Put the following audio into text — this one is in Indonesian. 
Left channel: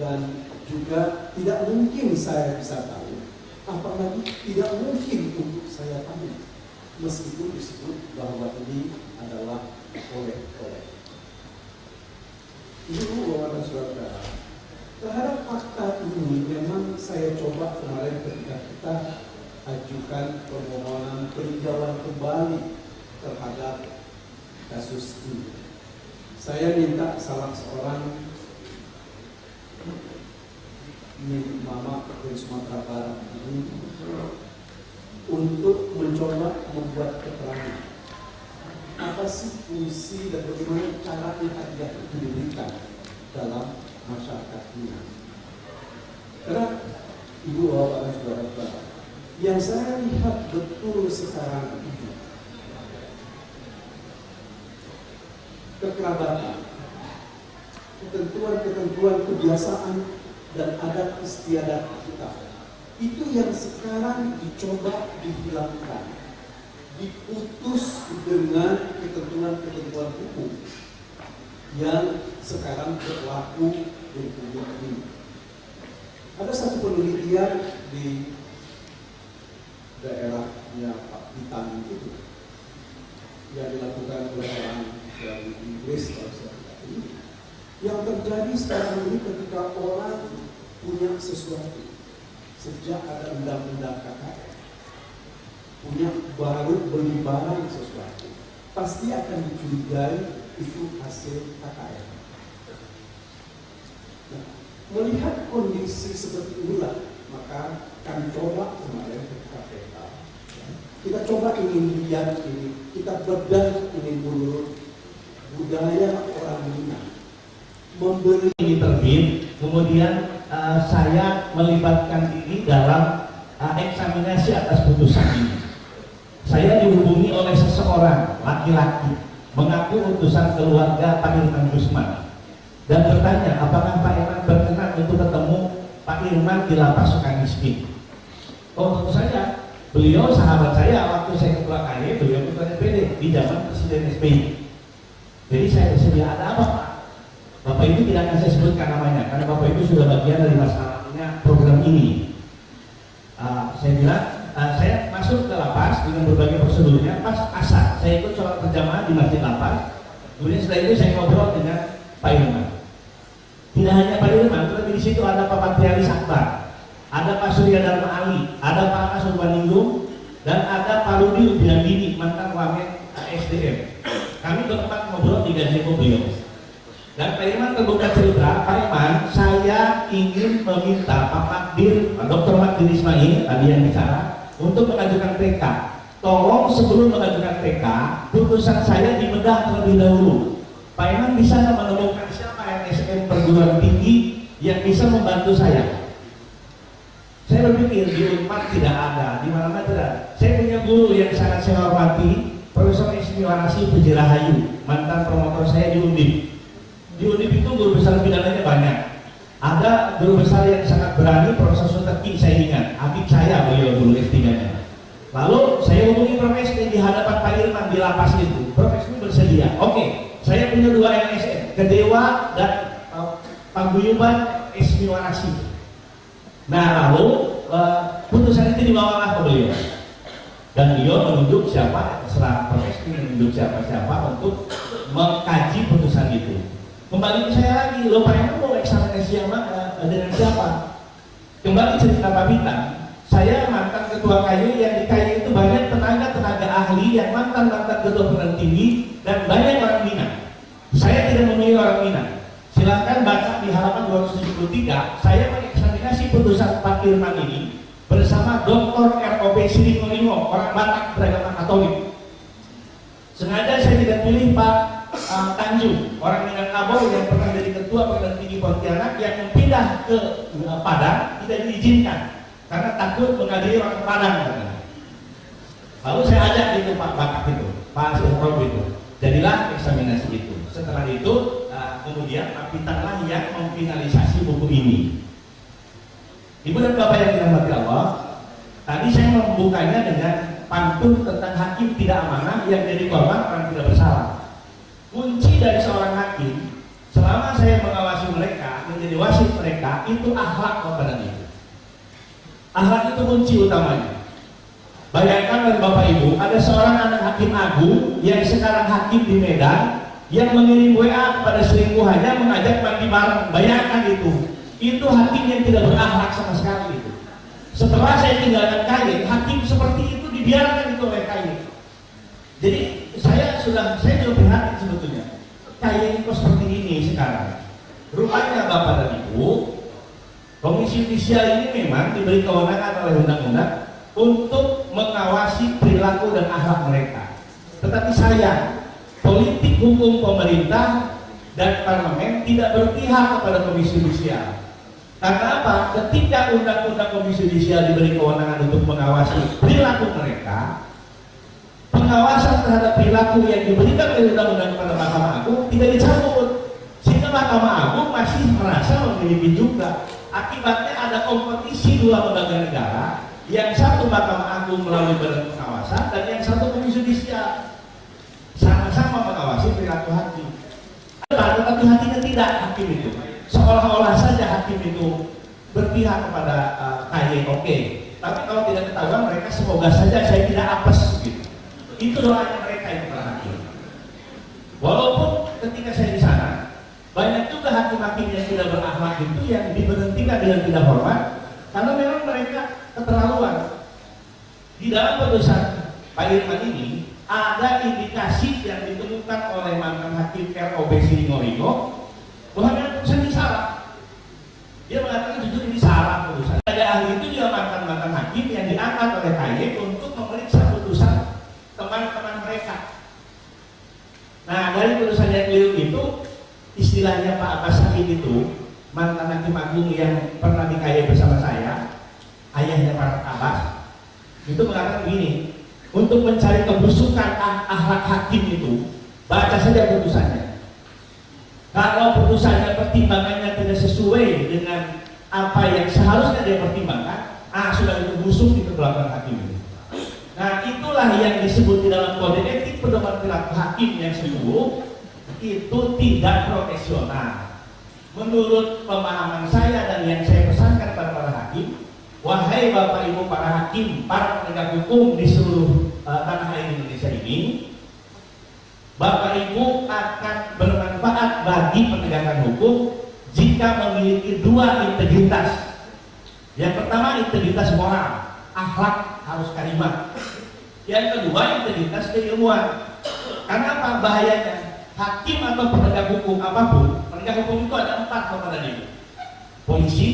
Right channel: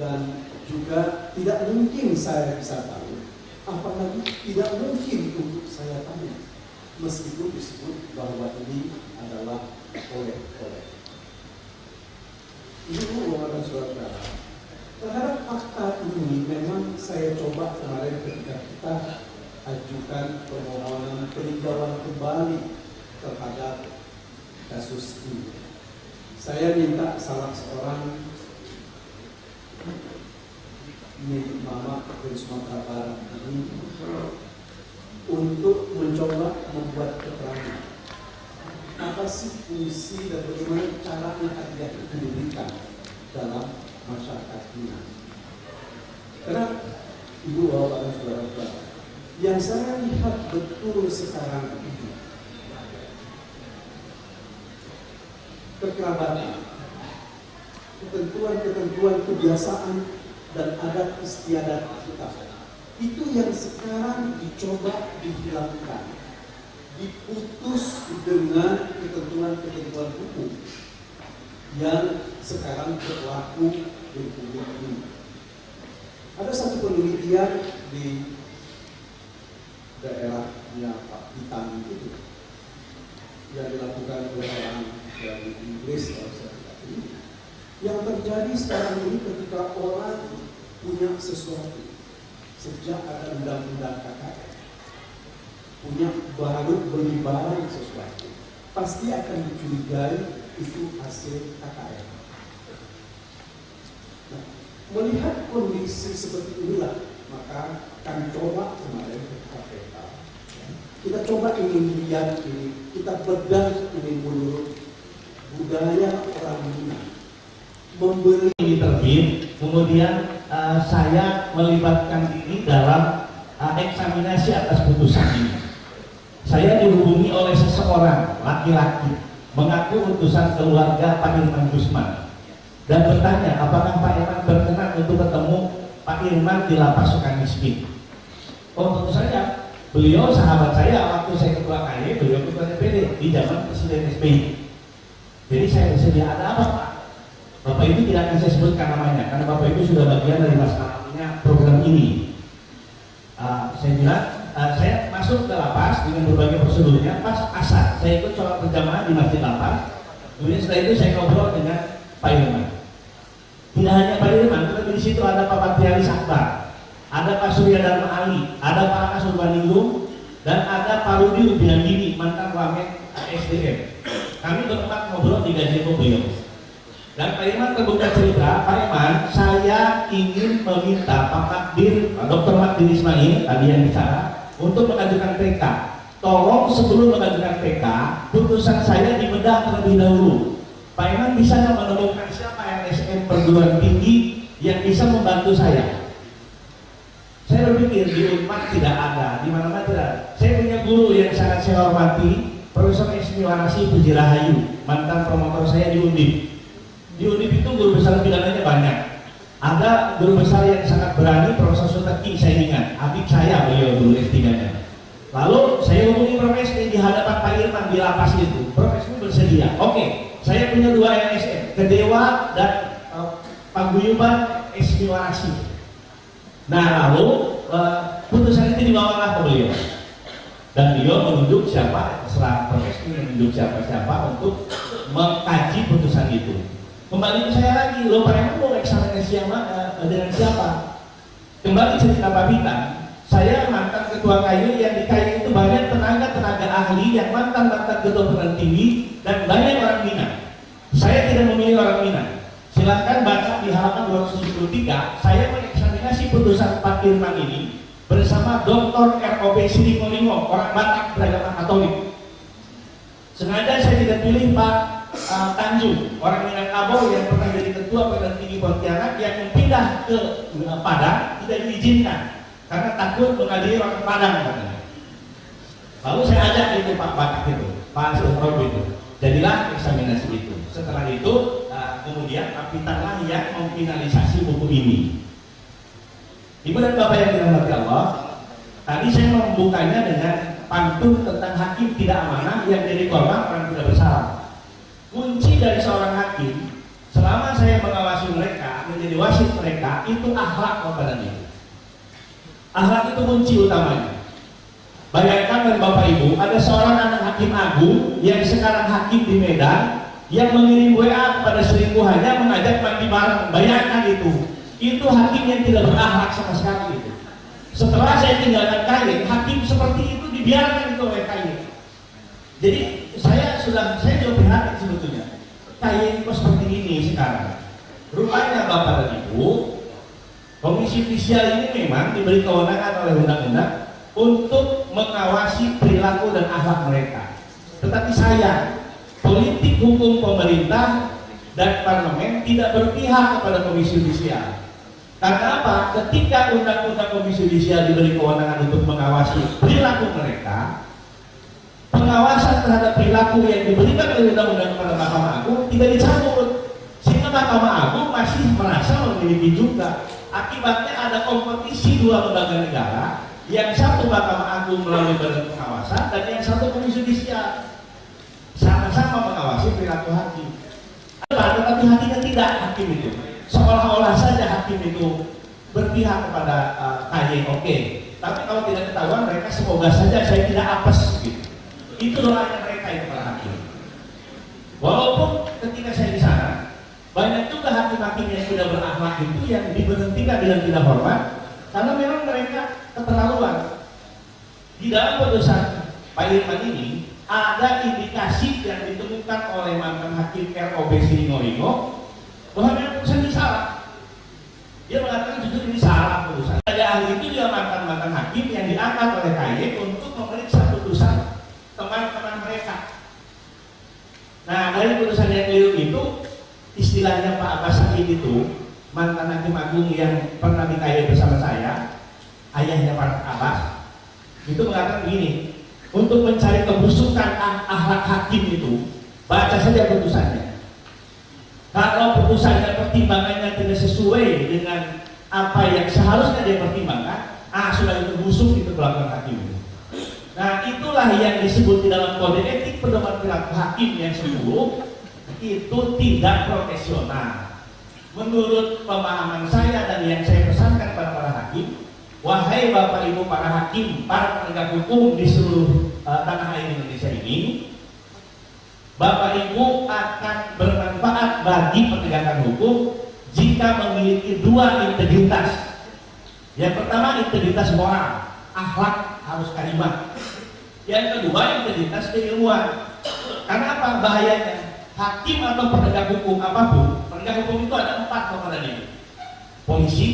dan juga tidak mungkin saya bisa tahu, apalagi tidak mungkin untuk saya tahu, meskipun disebut bahwa ini adalah oleh-oleh. Ibu bapak dan saudara, terhadap fakta ini memang saya coba kemarin ketika kita ajukan permohonan peninjauan kembali terhadap kasus ini. Saya minta salah seorang mama dari Sumatera Barat ini untuk mencoba membuat keterangan apa sih fungsi dan bagaimana cara hadiah itu diberikan dalam masyarakat ini. Karena ibu bapak dan saudara-saudara, yang saya lihat betul sekarang ini kekerabatan, ketentuan-ketentuan kebiasaan dan adat istiadat kita itu yang sekarang dicoba dihilangkan, diputus dengan ketentuan-ketentuan hukum yang sekarang berlaku di Republik ini. Ada satu penelitian di daerahnya Pak Bitan itu yang dilakukan oleh orang dari Inggris kalau saya tidak ini. Yang terjadi sekarang ini ketika orang punya sesuatu, sejak ada undang-undang KKN, punya beli barang sesuatu, pasti akan dicurigai itu hasil KKN. Nah, melihat kondisi seperti inilah, maka kami coba kemarin ke KPK. Kita coba ingin lihat ini, kita bedah ini menurut budaya orang Minang. Membeli ini terbit, kemudian saya melibatkan diri dalam eksaminasi atas putusan ini. Saya dihubungi oleh seseorang laki-laki mengaku utusan keluarga Pak Irman Gusman dan bertanya apakah Pak Irman berkenan untuk ketemu Pak Irman di lapas Sukamiskin. Oh, tentu saja. Beliau sahabat saya waktu saya ketua KY, beliau ketua DPD di zaman Presiden SBY. Jadi saya bersedia, ada apa Pak? Bapak itu tidak akan saya sebutkan namanya karena Bapak itu sudah bagian dari masalahnya program ini. Saya bilang, saya masuk ke lapas dengan berbagai prosedurnya. Pas asar, saya ikut sholat berjamaah di masjid lapas. Kemudian setelah itu saya ngobrol dengan Pak Irman. Tidak hanya Pak Irman, tetapi di situ ada Pak Patrialis Akbar, ada Pak Surya Dharma Ali, ada Pak Anas Urbaningrum, dan ada Pak Rudi Rubiandini, mantan wamen SDM. Kami bertempat ngobrol di gazebo beliau. Dan Pak Irman terbuka cerita, Pak Irman, saya ingin meminta Pak Makdir, Pak Dr. Makdir Ismail, tadi yang bicara, untuk mengajukan PK. Tolong sebelum mengajukan PK, putusan saya dibedah terlebih dahulu. Pak Irman bisa menemukan siapa LSM perguruan tinggi yang bisa membantu saya. Saya berpikir di Unpad tidak ada, di mana-mana tidak ada. Saya punya guru yang sangat saya hormati, Profesor Ismi Warasi Pujirahayu, mantan promotor saya di Undip. Di Undip itu guru besar pidananya banyak. Ada guru besar yang sangat berani, Profesor Suteki saya ingat, adik saya beliau dulu S3-nya. Lalu saya hubungi Prof. Esmi di hadapan Pak Irman di lapas itu. Prof. Esmi bersedia. Oke, saya punya 2 LSM, Kedewa dan Paguyuban Esmi Warasi. Nah lalu putusan itu dibawalah ke beliau. Dan beliau menunjuk siapa, terserah Prof. Esmi menunjuk siapa-siapa untuk mengkaji putusan itu. Kembali ke saya lagi, lo Pak Irman mau eksaminasi yang mana, dengan siapa? Kembali cerita Pak Bintang, saya mantan ketua KAI yang di KAI itu banyak tenaga ahli yang mantan ketua perguruan tinggi dan banyak orang Minang. Saya tidak memilih orang Minang. Silahkan baca di halaman 273, saya mengeksaminasi putusan Pak Irman ini bersama Dr. ROB Sidimolimo, orang Batak beragama Katolik. Sengaja saya tidak pilih Pak Tanjung, orang Minangkabau yang pernah jadi ketua perguruan tinggi Pontianak yang pindah ke Padang tidak diizinkan karena takut menghadiri orang Padang katanya. Lalu saya ajak itu Pak Batak itu, Pak Rob itu, jadilah eksaminasi itu. Setelah itu kemudian Pak Pitanglah yang memfinalisasi buku ini. Ibu dan Bapak yang dirahmati Allah, tadi saya membukanya dengan pantun tentang hakim tidak amanah yang jadi korban orang tidak bersalah. Kunci dari seorang hakim selama saya mengawasi mereka menjadi wasit mereka itu akhlak Bapak dan Ibu. Akhlak itu kunci utamanya. Bayangkan dari Bapak Ibu, ada seorang anak hakim agung yang sekarang hakim di Medan yang mengirim WA kepada selingkuhannya mengajak mandi bareng. Bayangkan itu. Itu hakim yang tidak berakhlak sama sekali itu. Setelah saya tinggalkan KY, hakim seperti itu dibiarkan itu oleh KY. Jadi saya juga prihatin sebetulnya. KY kok seperti ini sekarang. Rupanya Bapak dan Ibu, Komisi Yudisial ini memang diberi kewenangan oleh undang-undang untuk mengawasi perilaku dan akhlak mereka. Tetapi sayang, politik hukum pemerintah dan parlemen tidak berpihak kepada Komisi Yudisial. Karena apa? Ketika undang-undang Komisi Yudisial diberi kewenangan untuk mengawasi perilaku mereka, pengawasan terhadap perilaku yang diberikan oleh undang-undang kepada Mahkamah Agung tidak dicabut, sehingga Mahkamah Agung masih merasa memiliki juga. Akibatnya ada kompetisi dua lembaga negara, yang satu Mahkamah Agung melalui badan pengawasan dan yang satu Komisi Yudisial, sama-sama mengawasi perilaku hakim. Tetapi hakimnya tidak, hakim itu seolah-olah saja hakim itu berpihak kepada KY, oke. Tapi kalau tidak ketahuan mereka semoga saja saya tidak apes gitu. Itu doanya mereka itu para hakim. Walaupun ketika saya di sana banyak juga hakim-hakim yang tidak berakhlak itu yang diberhentikan dengan tidak hormat karena memang mereka keterlaluan. Di dalam putusan Pak Irman ini ada indikasi yang ditemukan oleh mantan hakim ROB Siringo bahwa memang putusan ini salah. Dia mengatakan jujur ini salah putusan. Ada ahli itu dia mantan hakim yang diangkat oleh KY untuk memeriksa putusan teman-teman mereka. Nah, dari putusan yang keliru itu, istilahnya Pak Abbas Sakit itu mantan hakim agung yang pernah di KY bersama saya, ayahnya Pak Abbas, itu mengatakan begini, untuk mencari kebusukan akhlak hakim itu, baca saja putusannya. Kalau putusannya pertimbangannya tidak sesuai dengan apa yang seharusnya dia pertimbangkan, sudah itu busuk itu belakang hakim. Nah, itulah yang disebut di dalam kode etik pedoman perilaku hakim yang 10 itu tidak profesional. Menurut pemahaman saya dan yang saya pesankan kepada para hakim, wahai Bapak Ibu para hakim, para penegak hukum di seluruh tanah air Indonesia ini, Bapak Ibu akan bermanfaat bagi penegakan hukum jika memiliki dua integritas. Yang pertama integritas moral, akhlak harus karimah. Yang kedua integritas keilmuan. Karena apa bahayanya? Hakim atau penegak hukum apapun, penegak hukum itu ada 4 Bapak dan Ibu. Polisi,